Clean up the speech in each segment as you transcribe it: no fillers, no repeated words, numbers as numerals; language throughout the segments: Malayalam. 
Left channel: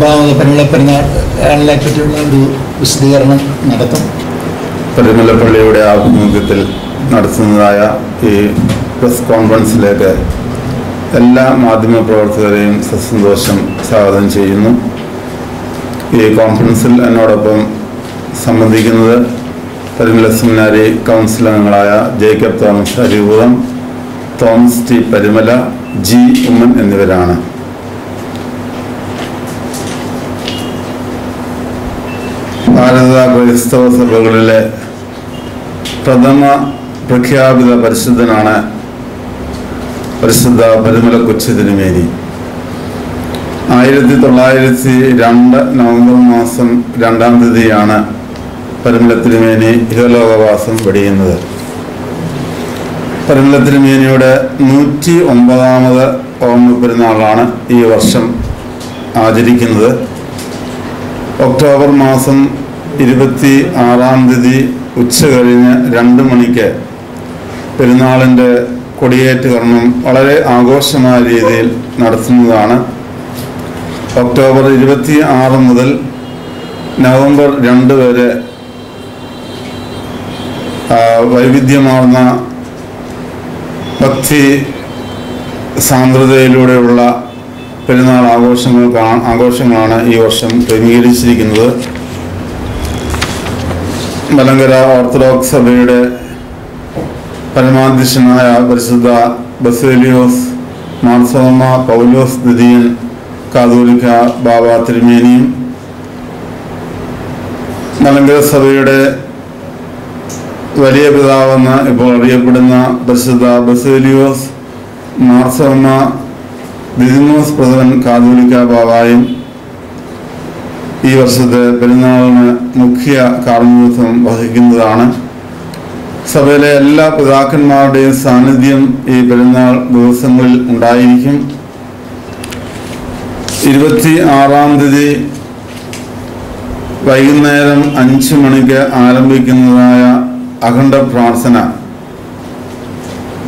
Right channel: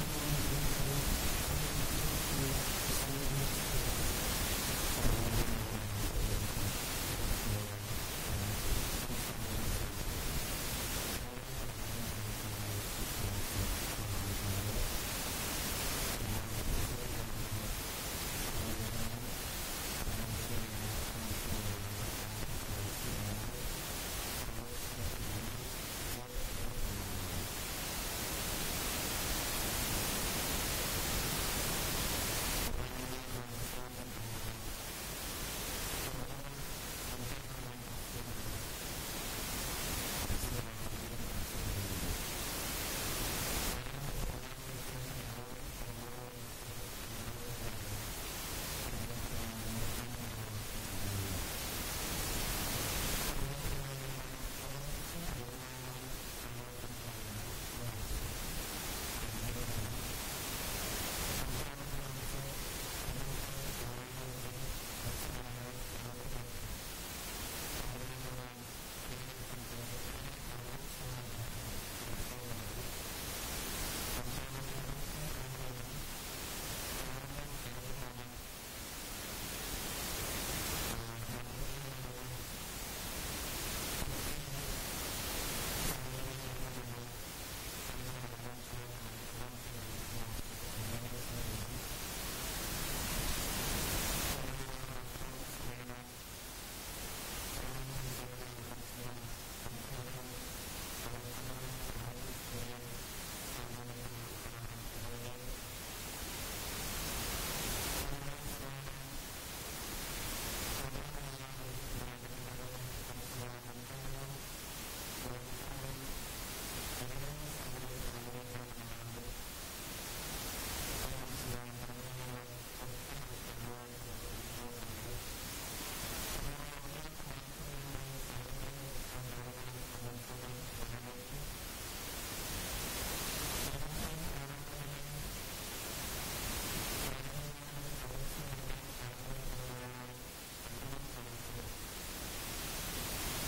പരിമളപ്പെരുന്നാളിനെ പറ്റിയുള്ള ഒരു വിശദീകരണം നടത്തും. പരിമലപ്പള്ളിയുടെ ആഭിമുഖ്യത്തിൽ നടത്തുന്നതായ ഈ പ്രസ് കോൺഫറൻസിലേക്ക് എല്ലാ മാധ്യമപ്രവർത്തകരെയും സസന്തോഷം സ്വാഗതം ചെയ്യുന്നു. ഈ കോൺഫറൻസിൽ എന്നോടൊപ്പം സംബന്ധിക്കുന്നത് പരിമല സെമിനാരി കൗൺസിൽ അംഗങ്ങളായ ജേക്കബ് തോമസ് അരിപുറം, തോമസ് ടി പരിമല, ജി ഉമ്മൻ എന്നിവരാണ്. ഭാരത ക്രൈസ്തവ സഭകളിലെ പ്രഥമ പ്രഖ്യാപിത പരിശുദ്ധനാണ് പരിശുദ്ധ പരിമല കൊച്ചു തിരുമേനി. 1902 നവംബർ മാസം 2-ാം തീയതിയാണ് പരിമല തിരുമേനി ഇഹലോകവാസം വെടിയുന്നത്. പരിമല തിരുമേനിയുടെ 109ാമത് ഓർമ്മ പെരുന്നാളാണ് ഈ വർഷം ആചരിക്കുന്നത്. ഒക്ടോബർ മാസം 26-ാം തീയതി ഉച്ച കഴിഞ്ഞ് 2 മണിക്ക് പെരുന്നാളിൻ്റെ കൊടിയേറ്റ് കർമ്മം വളരെ ആഘോഷമായ രീതിയിൽ നടത്തുന്നതാണ്. ഒക്ടോബർ 26 മുതൽ നവംബർ 2 വരെ വൈവിധ്യമാർന്ന ഭക്തി സാന്ദ്രതയിലൂടെയുള്ള പെരുന്നാൾ ആഘോഷങ്ങളാണ് ഈ വർഷം ക്രമീകരിച്ചിരിക്കുന്നത്. മലങ്കര ഓർത്തഡോക്സ് സഭയുടെ പരമാധ്യക്ഷനായ പരിശുദ്ധ ബസേലിയോസ് മാർത്തോമ പൗലോസ് ദ്വിതീയൻ കാതോലിക്ക ബാബ തിരുമേനിയും, മലങ്കര സഭയുടെ വലിയ പിതാവെന്ന് ഇപ്പോൾ അറിയപ്പെടുന്ന പരിശുദ്ധ ബസേലിയോസ് മാർത്തോമ ദിദിമോസ് പ്രഥമൻ കാതോലിക്ക ബാബായും ഈ വർഷത്തെ പെരുന്നാളിന് മുഖ്യ കാർമ്മികത്വം വഹിക്കുന്നതാണ്. സഭയിലെ എല്ലാ പിതാക്കന്മാരുടെയും സാന്നിധ്യം ഈ പെരുന്നാൾ ദിവസങ്ങളിൽ ഉണ്ടായിരിക്കും. 26-ാം തീയതി വൈകുന്നേരം 5 മണിക്ക് ആരംഭിക്കുന്നതായ അഖണ്ഡ പ്രാർത്ഥന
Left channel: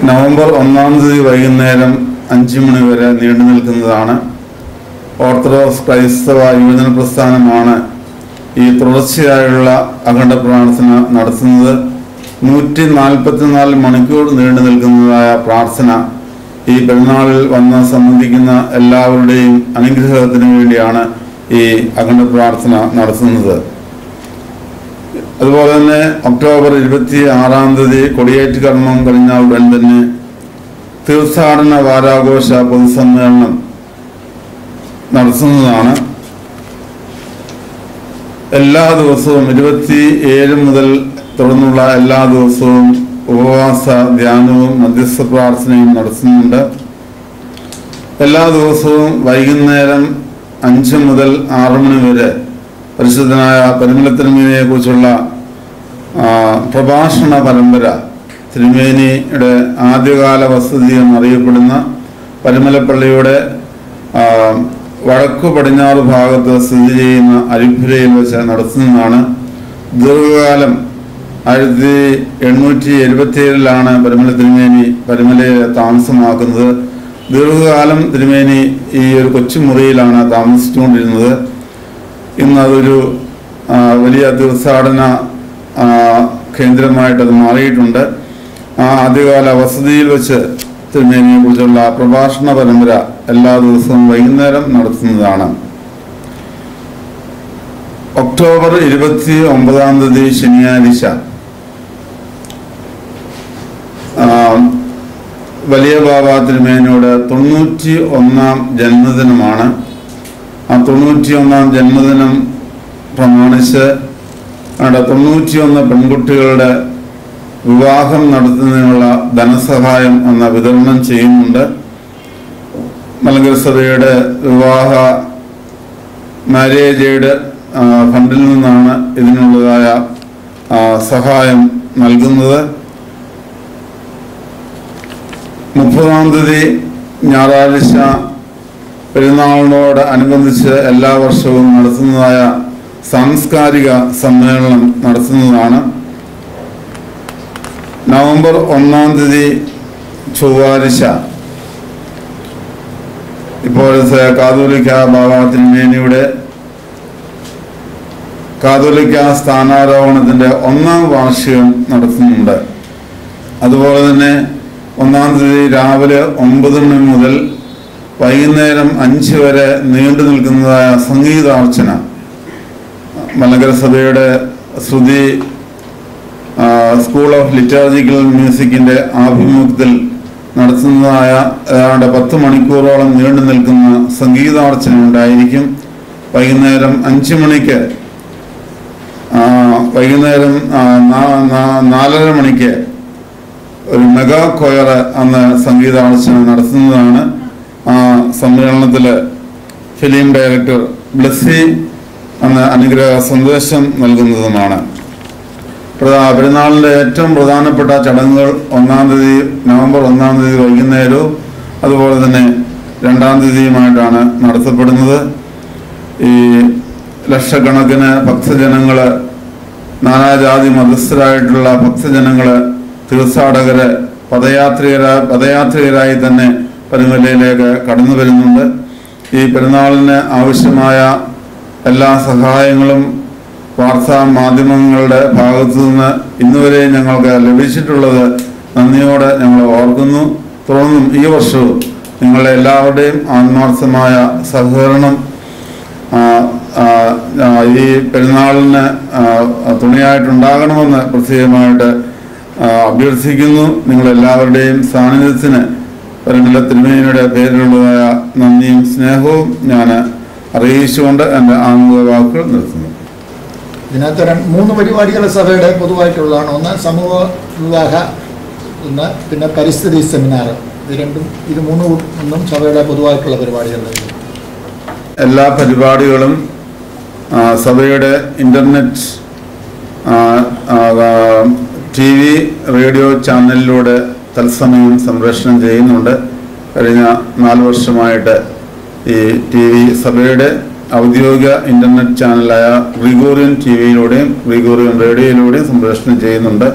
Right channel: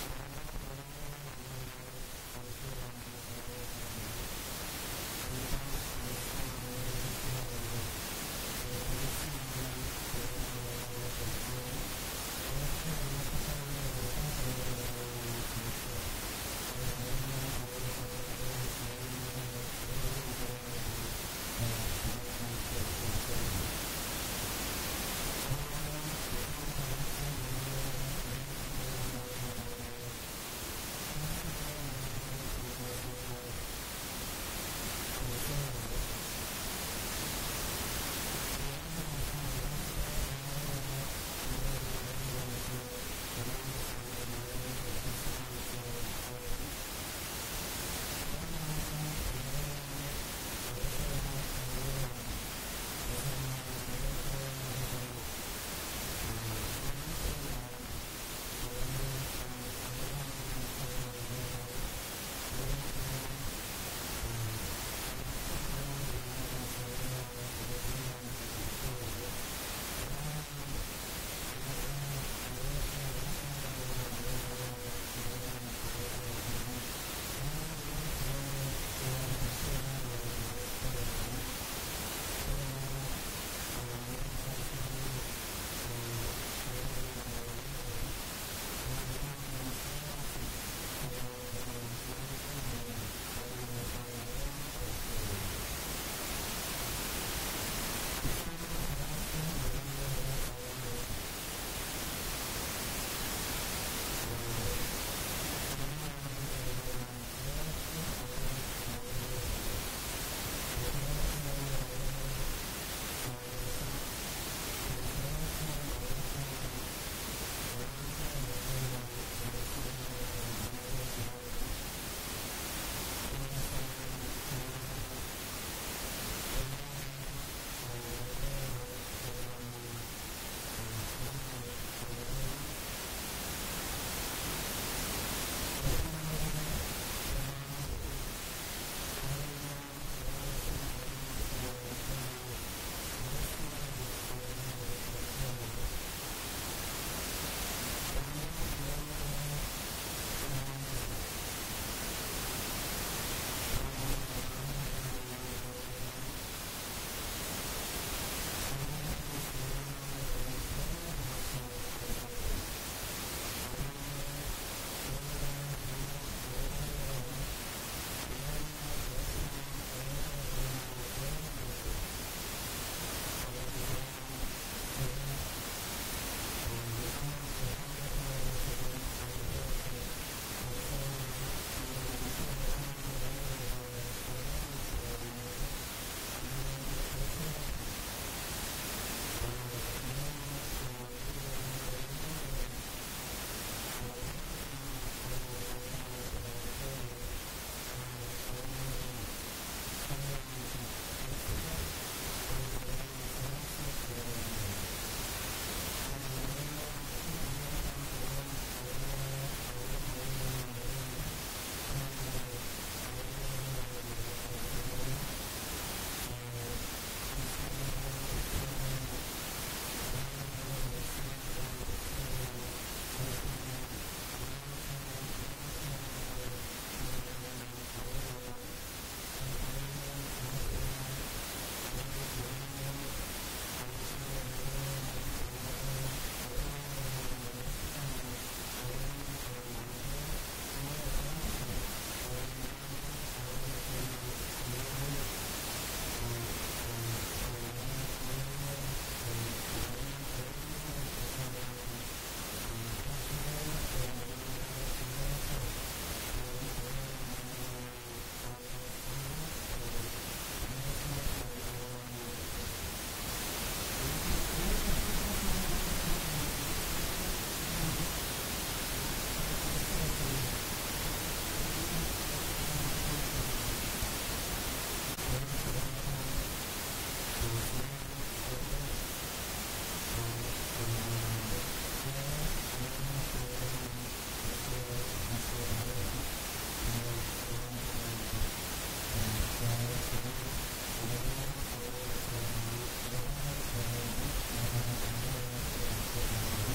നവംബർ 1-ാം തീയതി വൈകുന്നേരം 5 മണി വരെ നീണ്ടു നിൽക്കുന്നതാണ്. ഓർത്തഡോക്സ് ക്രൈസ്തവ യുവജന പ്രസ്ഥാനമാണ് ഈ തുടർച്ചയായുള്ള അഖണ്ഡ പ്രാർത്ഥന നടത്തുന്നത്. 144 മണിക്കൂർ നീണ്ടു നിൽക്കുന്നതായ പ്രാർത്ഥന ഈ പെരുന്നാളിൽ വന്ന് സംബന്ധിക്കുന്ന എല്ലാവരുടെയും അനുഗ്രഹത്തിന് വേണ്ടിയാണ് ഈ അഖണ്ഡ പ്രാർത്ഥന നടത്തുന്നത്. അതുപോലെ തന്നെ ഒക്ടോബർ 26-ാം തീയതി കൊടിയേറ്റ് കർമ്മം കഴിഞ്ഞാൽ ഉടൻ തന്നെ തീർത്ഥാടന വാരാഘോഷ പൊതുസമ്മേളനം നടത്തുന്നതാണ്. എല്ലാ ദിവസവും 27 മുതൽ തുടർന്നുള്ള എല്ലാ ദിവസവും ഉപവാസ ധ്യാനവും മധ്യസ്ഥ പ്രാർത്ഥനയും നടത്തുന്നുണ്ട്. എല്ലാ ദിവസവും വൈകുന്നേരം 5 മുതൽ 6 മണി വരെ പരിശുദ്ധനായ പരിമല തിരുമേനിയെ കുറിച്ചുള്ള പ്രഭാഷണ പരമ്പര, തിരുമേനിയുടെ ആദ്യകാല വസതി എന്നറിയപ്പെടുന്ന പരിമലപ്പള്ളിയുടെ വടക്കു പടിഞ്ഞാറ് ഭാഗത്ത് സ്ഥിതി ചെയ്യുന്ന അരിപ്പുരയിൽ വെച്ച് നടത്തുന്നതാണ്. ദീർഘകാലം 1877-ലാണ് പരിമല തിരുമേനി പരിമലയെ താമസമാക്കുന്നത്. ദീർഘകാലം തിരുമേനി ഈ ഒരു കൊച്ചുമുറിയിലാണ് താമസിച്ചുകൊണ്ടിരുന്നത്. ഇന്ന് അതൊരു വലിയ തീർത്ഥാടന കേന്ദ്രമായിട്ടത് മാറിയിട്ടുണ്ട്. ആ ആദ്യകാല വസതിയിൽ വെച്ച് തിരുമേനിയെ കുറിച്ചുള്ള പ്രഭാഷണ പരമ്പര എല്ലാ ദിവസവും വൈകുന്നേരം നടത്തുന്നതാണ്. ഒക്ടോബർ 29-ാം തീയതി ശനിയാഴ്ച വലിയ ബാബ തിരുമേനിയുടെ 91-ാം ജന്മദിനമാണ്. ആ 91-ാം ജന്മദിനം പ്രമാണിച്ച് 91 പെൺകുട്ടികളുടെ വിവാഹം നടത്തുന്നതിനുള്ള ധനസഹായം വിതരണം ചെയ്യുന്നുണ്ട്. മലങ്കര സഭയുടെ വിവാഹ മാരേജ് എയ്ഡ് ഫണ്ടിൽ നിന്നാണ് ഇതിനുള്ളതായ സഹായം നൽകുന്നത്. 30-ാം തീയതി ഞായറാഴ്ച പെരുന്നാളിനോട് അനുബന്ധിച്ച് എല്ലാ വർഷവും നടത്തുന്നതായ സാംസ്കാരിക സമ്മേളനം നടത്തുന്നതാണ്. നവംബർ 1-ാം തീയതി ചൊവ്വാഴ്ച ഇപ്പോഴത്തെ കാതോലിക്ക ബാബ തിരുമേനിയുടെ കാതോലിക്ക സ്ഥാനാരോഹണത്തിൻ്റെ 1ാം വാർഷികം നടത്തുന്നുണ്ട്. അതുപോലെ തന്നെ 1-ാം തീയതി രാവിലെ 9 മണി മുതൽ വൈകുന്നേരം 5 വരെ നീണ്ടു നിൽക്കുന്നതായ സംഗീതാർച്ചന മലങ്കര സഭയുടെ ശ്രുതി സ്കൂൾ ഓഫ് ലിറ്റർജിക്കൽ മ്യൂസിക്കിൻ്റെ ആഭിമുഖ്യത്തിൽ നടത്തുന്നതായ ഏതാണ്ട് 10 മണിക്കൂറോളം നീണ്ടു നിൽക്കുന്ന സംഗീതാർച്ചന ഉണ്ടായിരിക്കും. വൈകുന്നേരം 5 മണിക്ക് വൈകുന്നേരം 4:30 മണിക്ക് ഒരു മെഗാ കൊയർ അന്ന് സംഗീതാർച്ചന നടത്തുന്നതാണ്. ആ സമ്മേളനത്തിൽ ഫിലിം ഡയറക്ടർ ബ്ലസ്സി അന്ന് അനുഗ്രഹ സന്ദേശം നൽകുന്നതുമാണ്. പെരുന്നാളിൻ്റെ ഏറ്റവും പ്രധാനപ്പെട്ട ചടങ്ങുകൾ 1-ാം തീയതി നവംബർ 1-ാം തീയതി വൈകുന്നേരവും അതുപോലെ തന്നെ 2-ാം തീയതിയുമായിട്ടാണ് നടത്തപ്പെടുന്നത്. ഈ ലക്ഷക്കണക്കിന് ഭക്തജനങ്ങൾ, നാനാജാതി മതസ്ഥരായിട്ടുള്ള ഭക്തജനങ്ങൾ, തീർത്ഥാടകർ പദയാത്രികരായി തന്നെ പരുമലയിലേക്ക് കടന്നു വരുന്നുണ്ട്. ഈ പെരുന്നാളിന് ആവശ്യമായ എല്ലാ സഹായങ്ങളും വാർത്താ മാധ്യമങ്ങളുടെ ഭാഗത്തു നിന്ന് ഇന്നുവരെ ഞങ്ങൾക്ക് ലഭിച്ചിട്ടുള്ളത് നന്ദിയോടെ ഞങ്ങൾ ഓർക്കുന്നു. തുടർന്നും ഈ വർഷവും നിങ്ങളുടെ എല്ലാവരുടെയും ആത്മാർത്ഥമായ സഹകരണം ഈ പെരുന്നാളിന് തുണയായിട്ടുണ്ടാകണമെന്ന് പ്രത്യേകമായിട്ട് അഭ്യർത്ഥിക്കുന്നു. നിങ്ങളെല്ലാവരുടെയും സാന്നിധ്യത്തിന് പരുമല തിരുമേനിയുടെ പേരിലുള്ളതായ നന്ദിയും സ്നേഹവും ഞാൻ അറിയിച്ചുകൊണ്ട് എൻ്റെ ആമുഖ വാക്കുകൾ നിർത്തുന്നു. ഇതിനകത്ത് 3 പരിപാടികൾ സഭയുടെ പൊതുവായിട്ടുള്ളതാണ്. ഒന്ന് സമൂഹ വിവാഹ, പിന്നെ പരിസ്ഥിതി സെമിനാർ. ഇത് മൂന്നും സഭയുടെ പൊതുവായിട്ടുള്ള പരിപാടികളാണ്. എല്ലാ പരിപാടികളും സഭയുടെ ഇൻ്റർനെറ്റ്, TV, റേഡിയോ ചാനലിലൂടെ തത്സമയം സംപ്രേഷണം ചെയ്യുന്നുണ്ട്. കഴിഞ്ഞ 4 വർഷമായിട്ട് ഈ TV സഭയുടെ ഔദ്യോഗിക ഇൻ്റർനെറ്റ് ചാനലായ ഗ്രിഗോറിയൻ TVയിലൂടെയും ഗ്രിഗോറിയൻ റേഡിയോയിലൂടെയും സംപ്രേഷണം ചെയ്യുന്നുണ്ട്.